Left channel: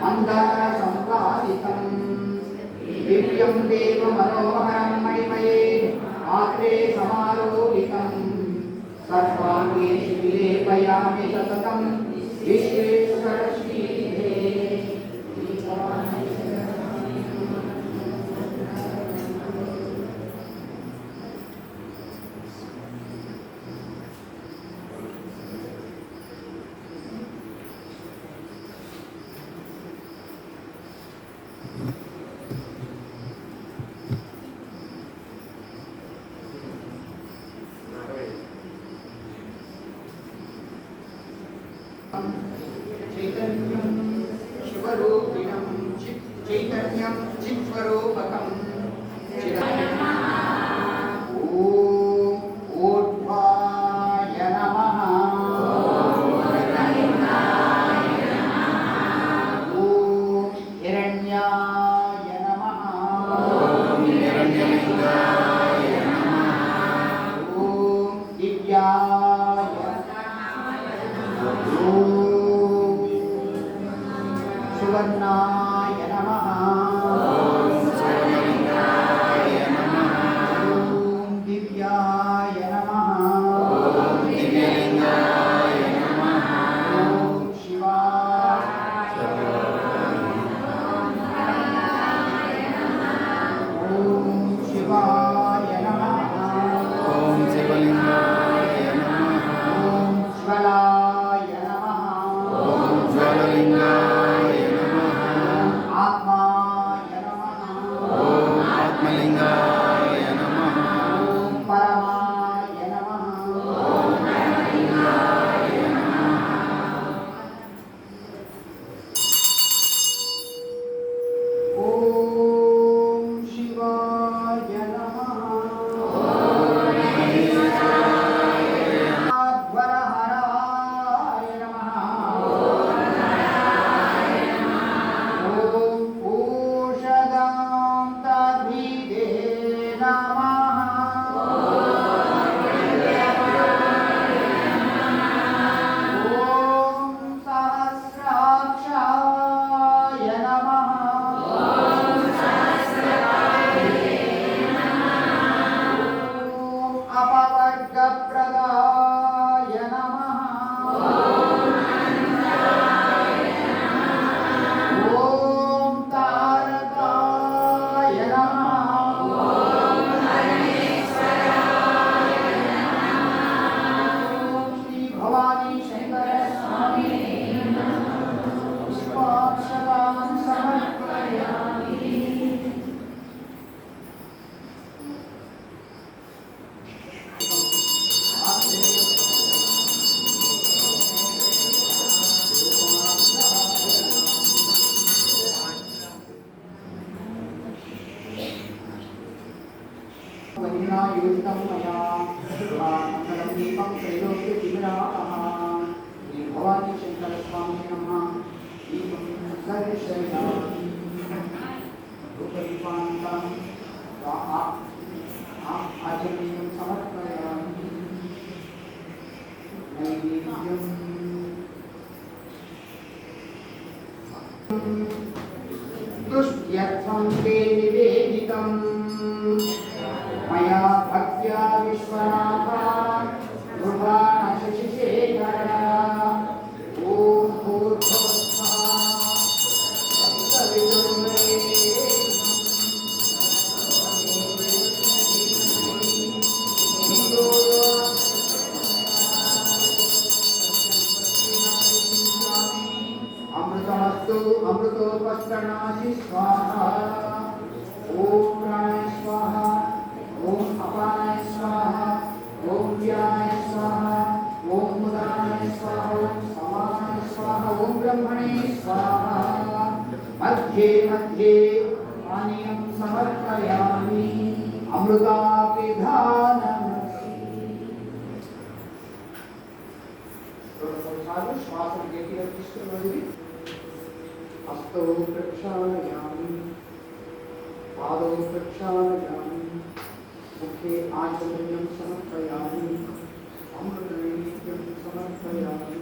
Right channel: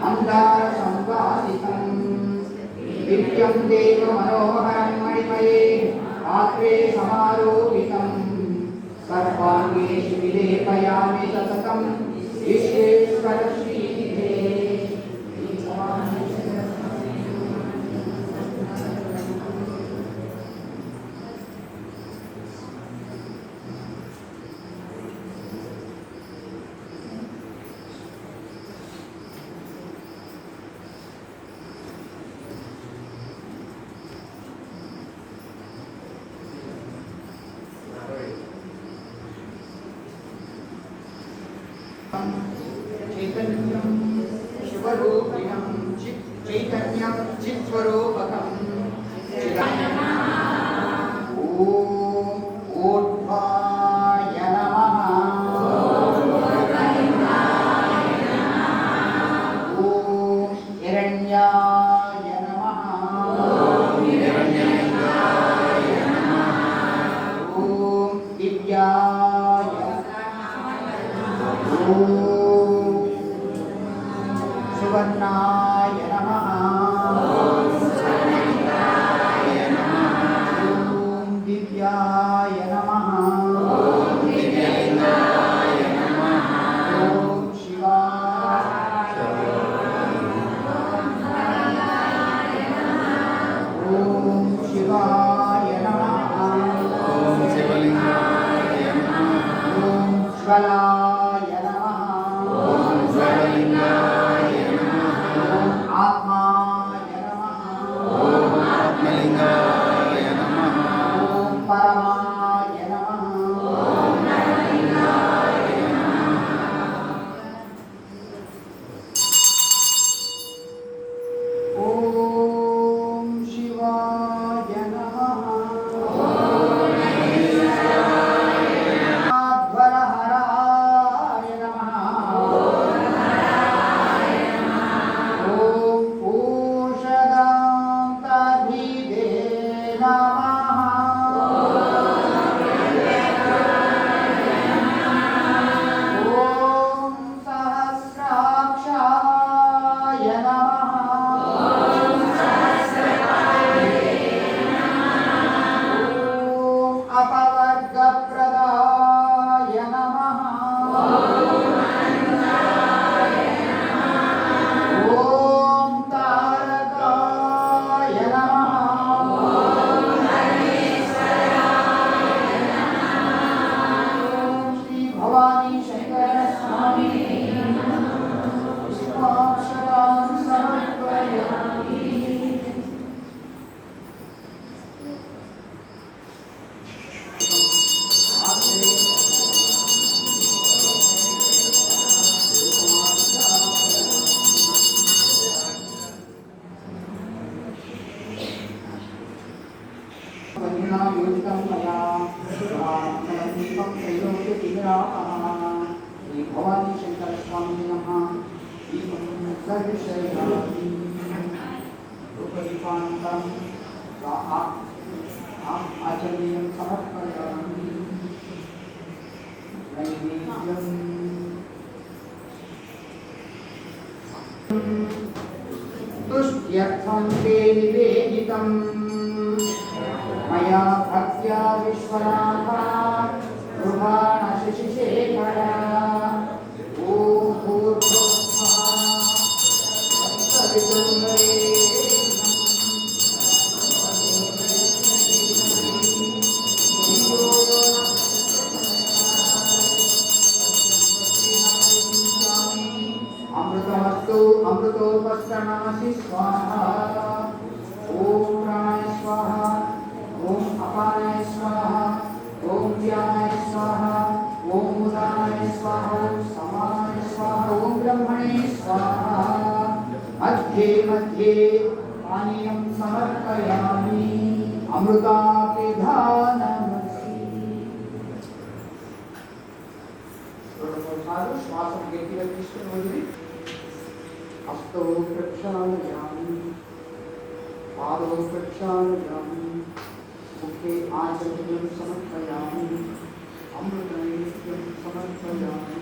मन्दरसंवादितं दिव्यं देवमनोहरं मणिमये आत्रे समारोहितं सर्वाङ्गेषु विलेपयामि सततं विश्वेश्वरश्रीधे। चैतन्यं शिवरूपिणं चैतन्यं चित्स्वरूपकं ऊर्ध्वाय नमः ॐ हिरण्याय नमः ॐ दिव्याय सुवर्णाय नमः ॐ दिव्याय नमः ॐ शिवाय ॐ शिवाय नमः ॐ शिवलिंगाय नमः ॐ ज्वलाय नमः ॐ ज्वललिंगाय नमः ॐ आत्माय नमः ॐ आत्मलिंगाय नमः ॐ परमाय नमः ॐ परमलिंगाय नमः ॐ शिवाय नमः अपवर्गप्रदाय नमः ॐ तारकाय नमः श्री भवानी शंकर स्वामी पुष्पाक्षरान् समर्पयामि। वन्यना योजितं मया मंगलं दीपं त्रैलोक्यतिमिरापः श्री भवानी शंकर स्वामी नमः। दीपं दर्शयामि रूपदीपान्तं आचमनीयं समर्पयामि। नैवेद्यं तुष्ट्यर्थं ते निवेदितं मया भक्त्या विश्वनाथा शशिशेखर ॐ भूर्भुवः अमृतमस्तु अमृतोपस्करणमसि स्वाहा ॐ प्राणाय स्वाहा ॐ अपानाय स्वाहा ॐ व्यानाय स्वाहा ॐ उदानाय स्वाहा ॐ समानाय स्वाहा ॐ ब्रह्मणे स्वाहा। मध्ये मध्ये पानीयं समर्पयामि अमृतापिधानमसि। श्वासं गतिः తీసుకొని हस्तौ प्रक्षालयामि पादौ प्रक्षालयामि मुखे आचमनीयं समर्पयामि अमृतनैवेद्यं समर्पयामि।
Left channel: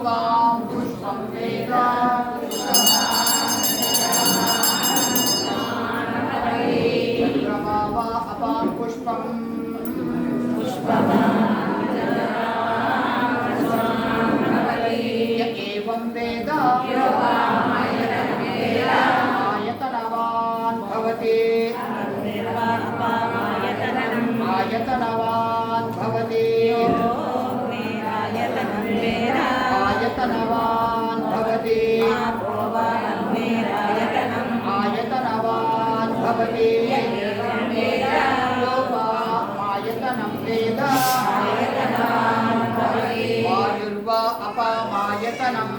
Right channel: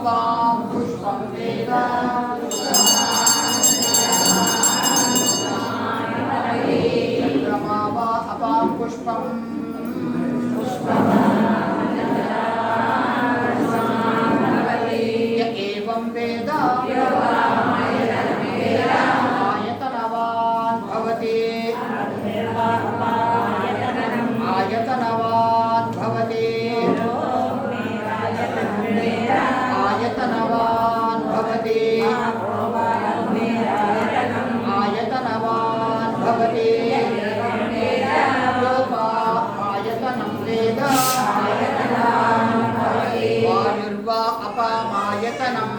योगां पुष्पं वेद चन्द्रमा वा अपां पुष्पं य एवं वेद आयतनवान् भवति आयतनवान् भवति आयतनवान् भवति आयतनवान् भवति योगायतनं वेद वायुर्वा अपामायतनं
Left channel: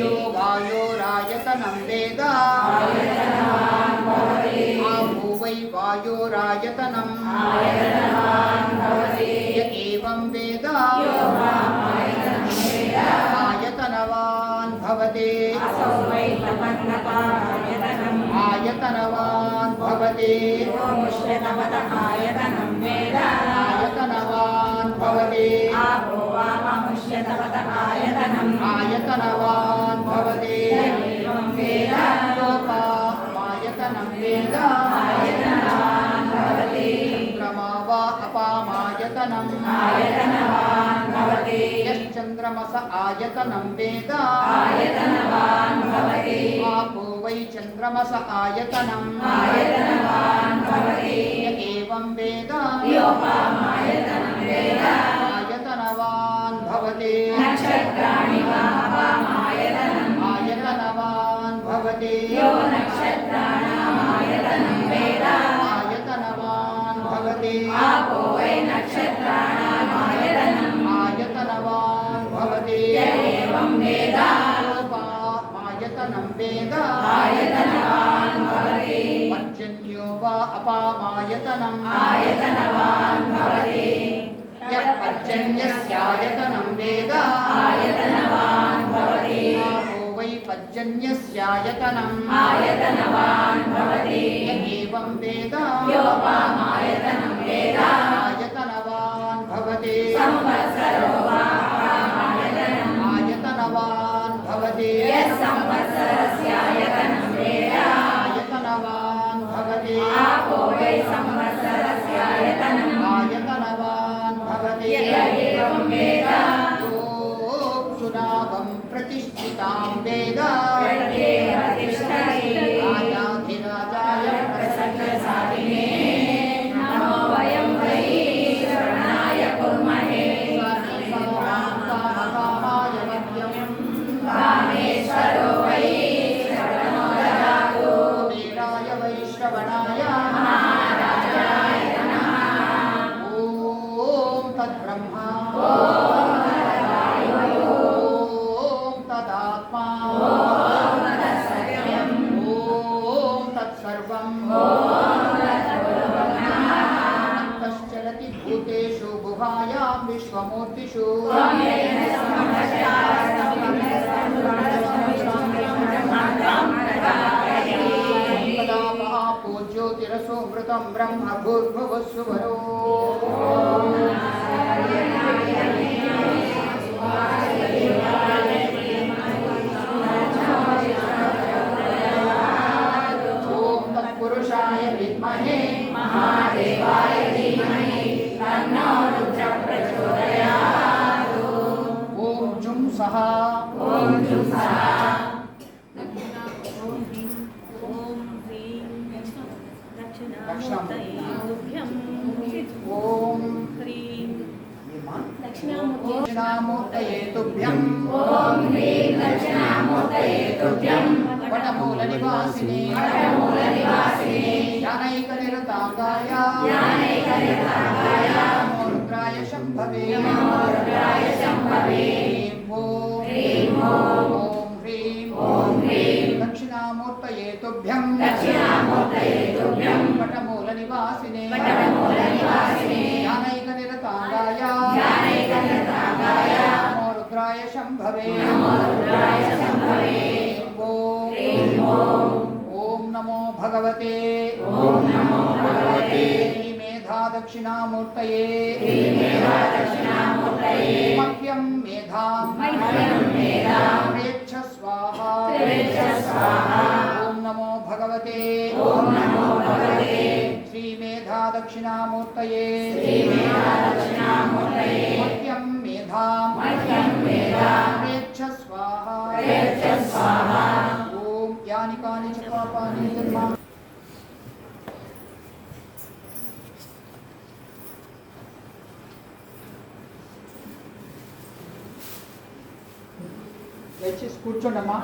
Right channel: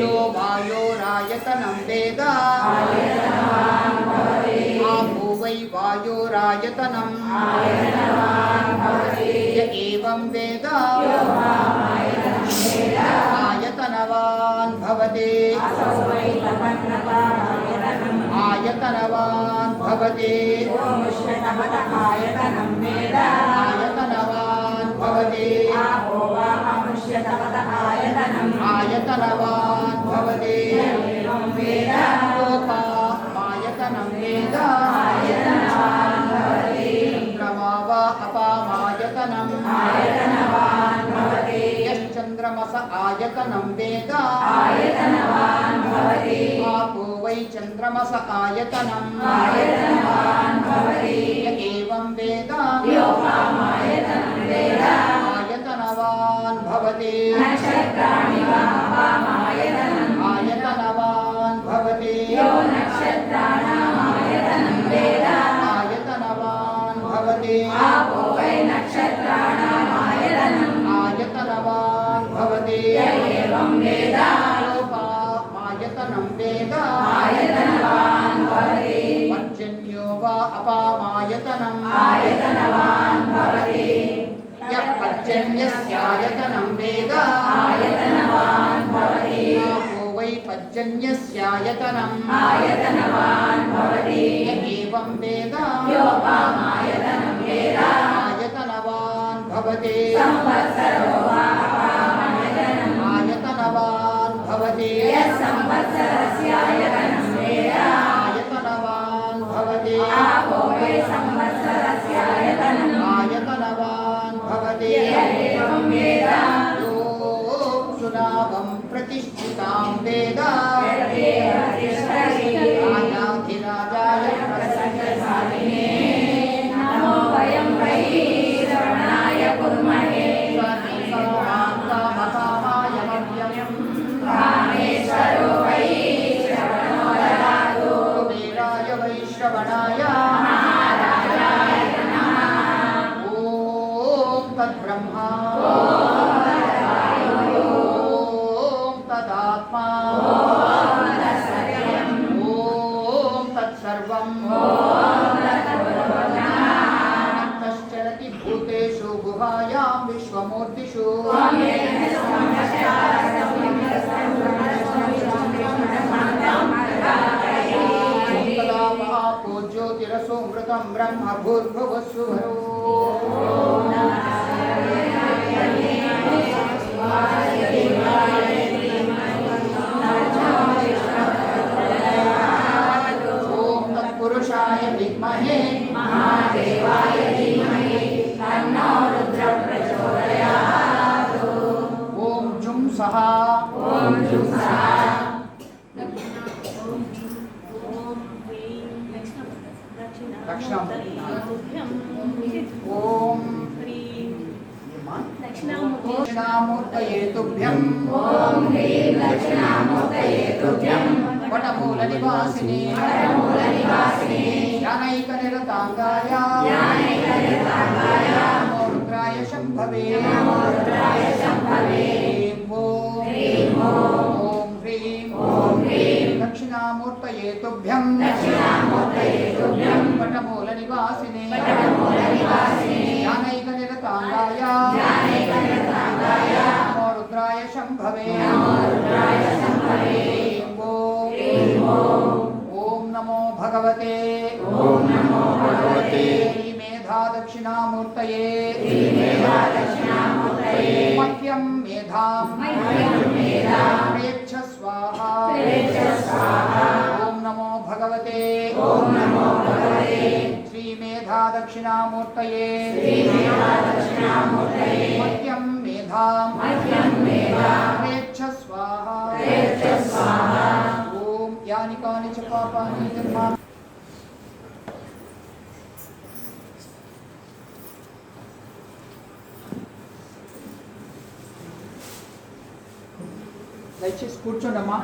यो वायोरायतनं वेद आपो वै वायोरायतनं य एवं वेद आयतनवान् भवति आयतनवान् भवति आयतनवान् भवति आयतनवान् भवति योगायतनं वेद चन्द्रमा वा अपामायतनं यश्चन्द्रमस आयतनं वेद आपो वै चन्द्रमस आयतनं य एवं वेद आयतनवान् भवति आयतनवान् भवति आयतनवान् भवति आयतनवान् भवति योपामायतनं वेद पर्जन्यो वा अपामायतनं यः पर्जन्यस्यायतनं वेद आपो वै पर्जन्यस्यायतनं य एवं वेद आयतनवान् भवति आयतनवान् भवति आयतनवान् भवति आयतनवान् भवति सुनाभं प्रतिष्ठितां वेद राजाधिराजाय कामकामाय मह्यं कुबेराय वैश्रवणाय ॐ तद्ब्रह्मा ॐ तदात्मा ॐ तत्सर्वं तश्चरति भूतेषु गुहायां विश्वमूर्तिषु तदा महापो ज्योतिरसोऽमृतं ब्रह्म भूर्भुवस्सुवरो तत्पुरुषाय विद्महे महादेवाय धीमहि तन्नो रुद्रः प्रचोदयात्। ॐ जुं सः ओम दक्षिणामूर्तये तुभ्यं ओम ह्रीं दक्षिणामूर्तये तुभ्यं वटमूलनिवासिने ज्ञानैकनिरताङ्गाय नमो रुद्राय शम्भवे ह्रीं ओम ह्रीं दक्षिणामूर्तये तुभ्यं वटमूलनिवासिने ज्ञानैकनिरताङ्गाय नमो रुद्राय शम्भवे ओम नमो भगवते श्रीमेधा दक्षिणामूर्तये मह्यं मेधां प्रेच्छ स्वाहा ॐ नमो भगवते श्रीमेधा दक्षिणामूर्तये मह्यं मेधां प्रेच्छ स्वाहा ॐ यानि कानि च पापानि निर्मा దయచేసి కూర్చోండమ్మా.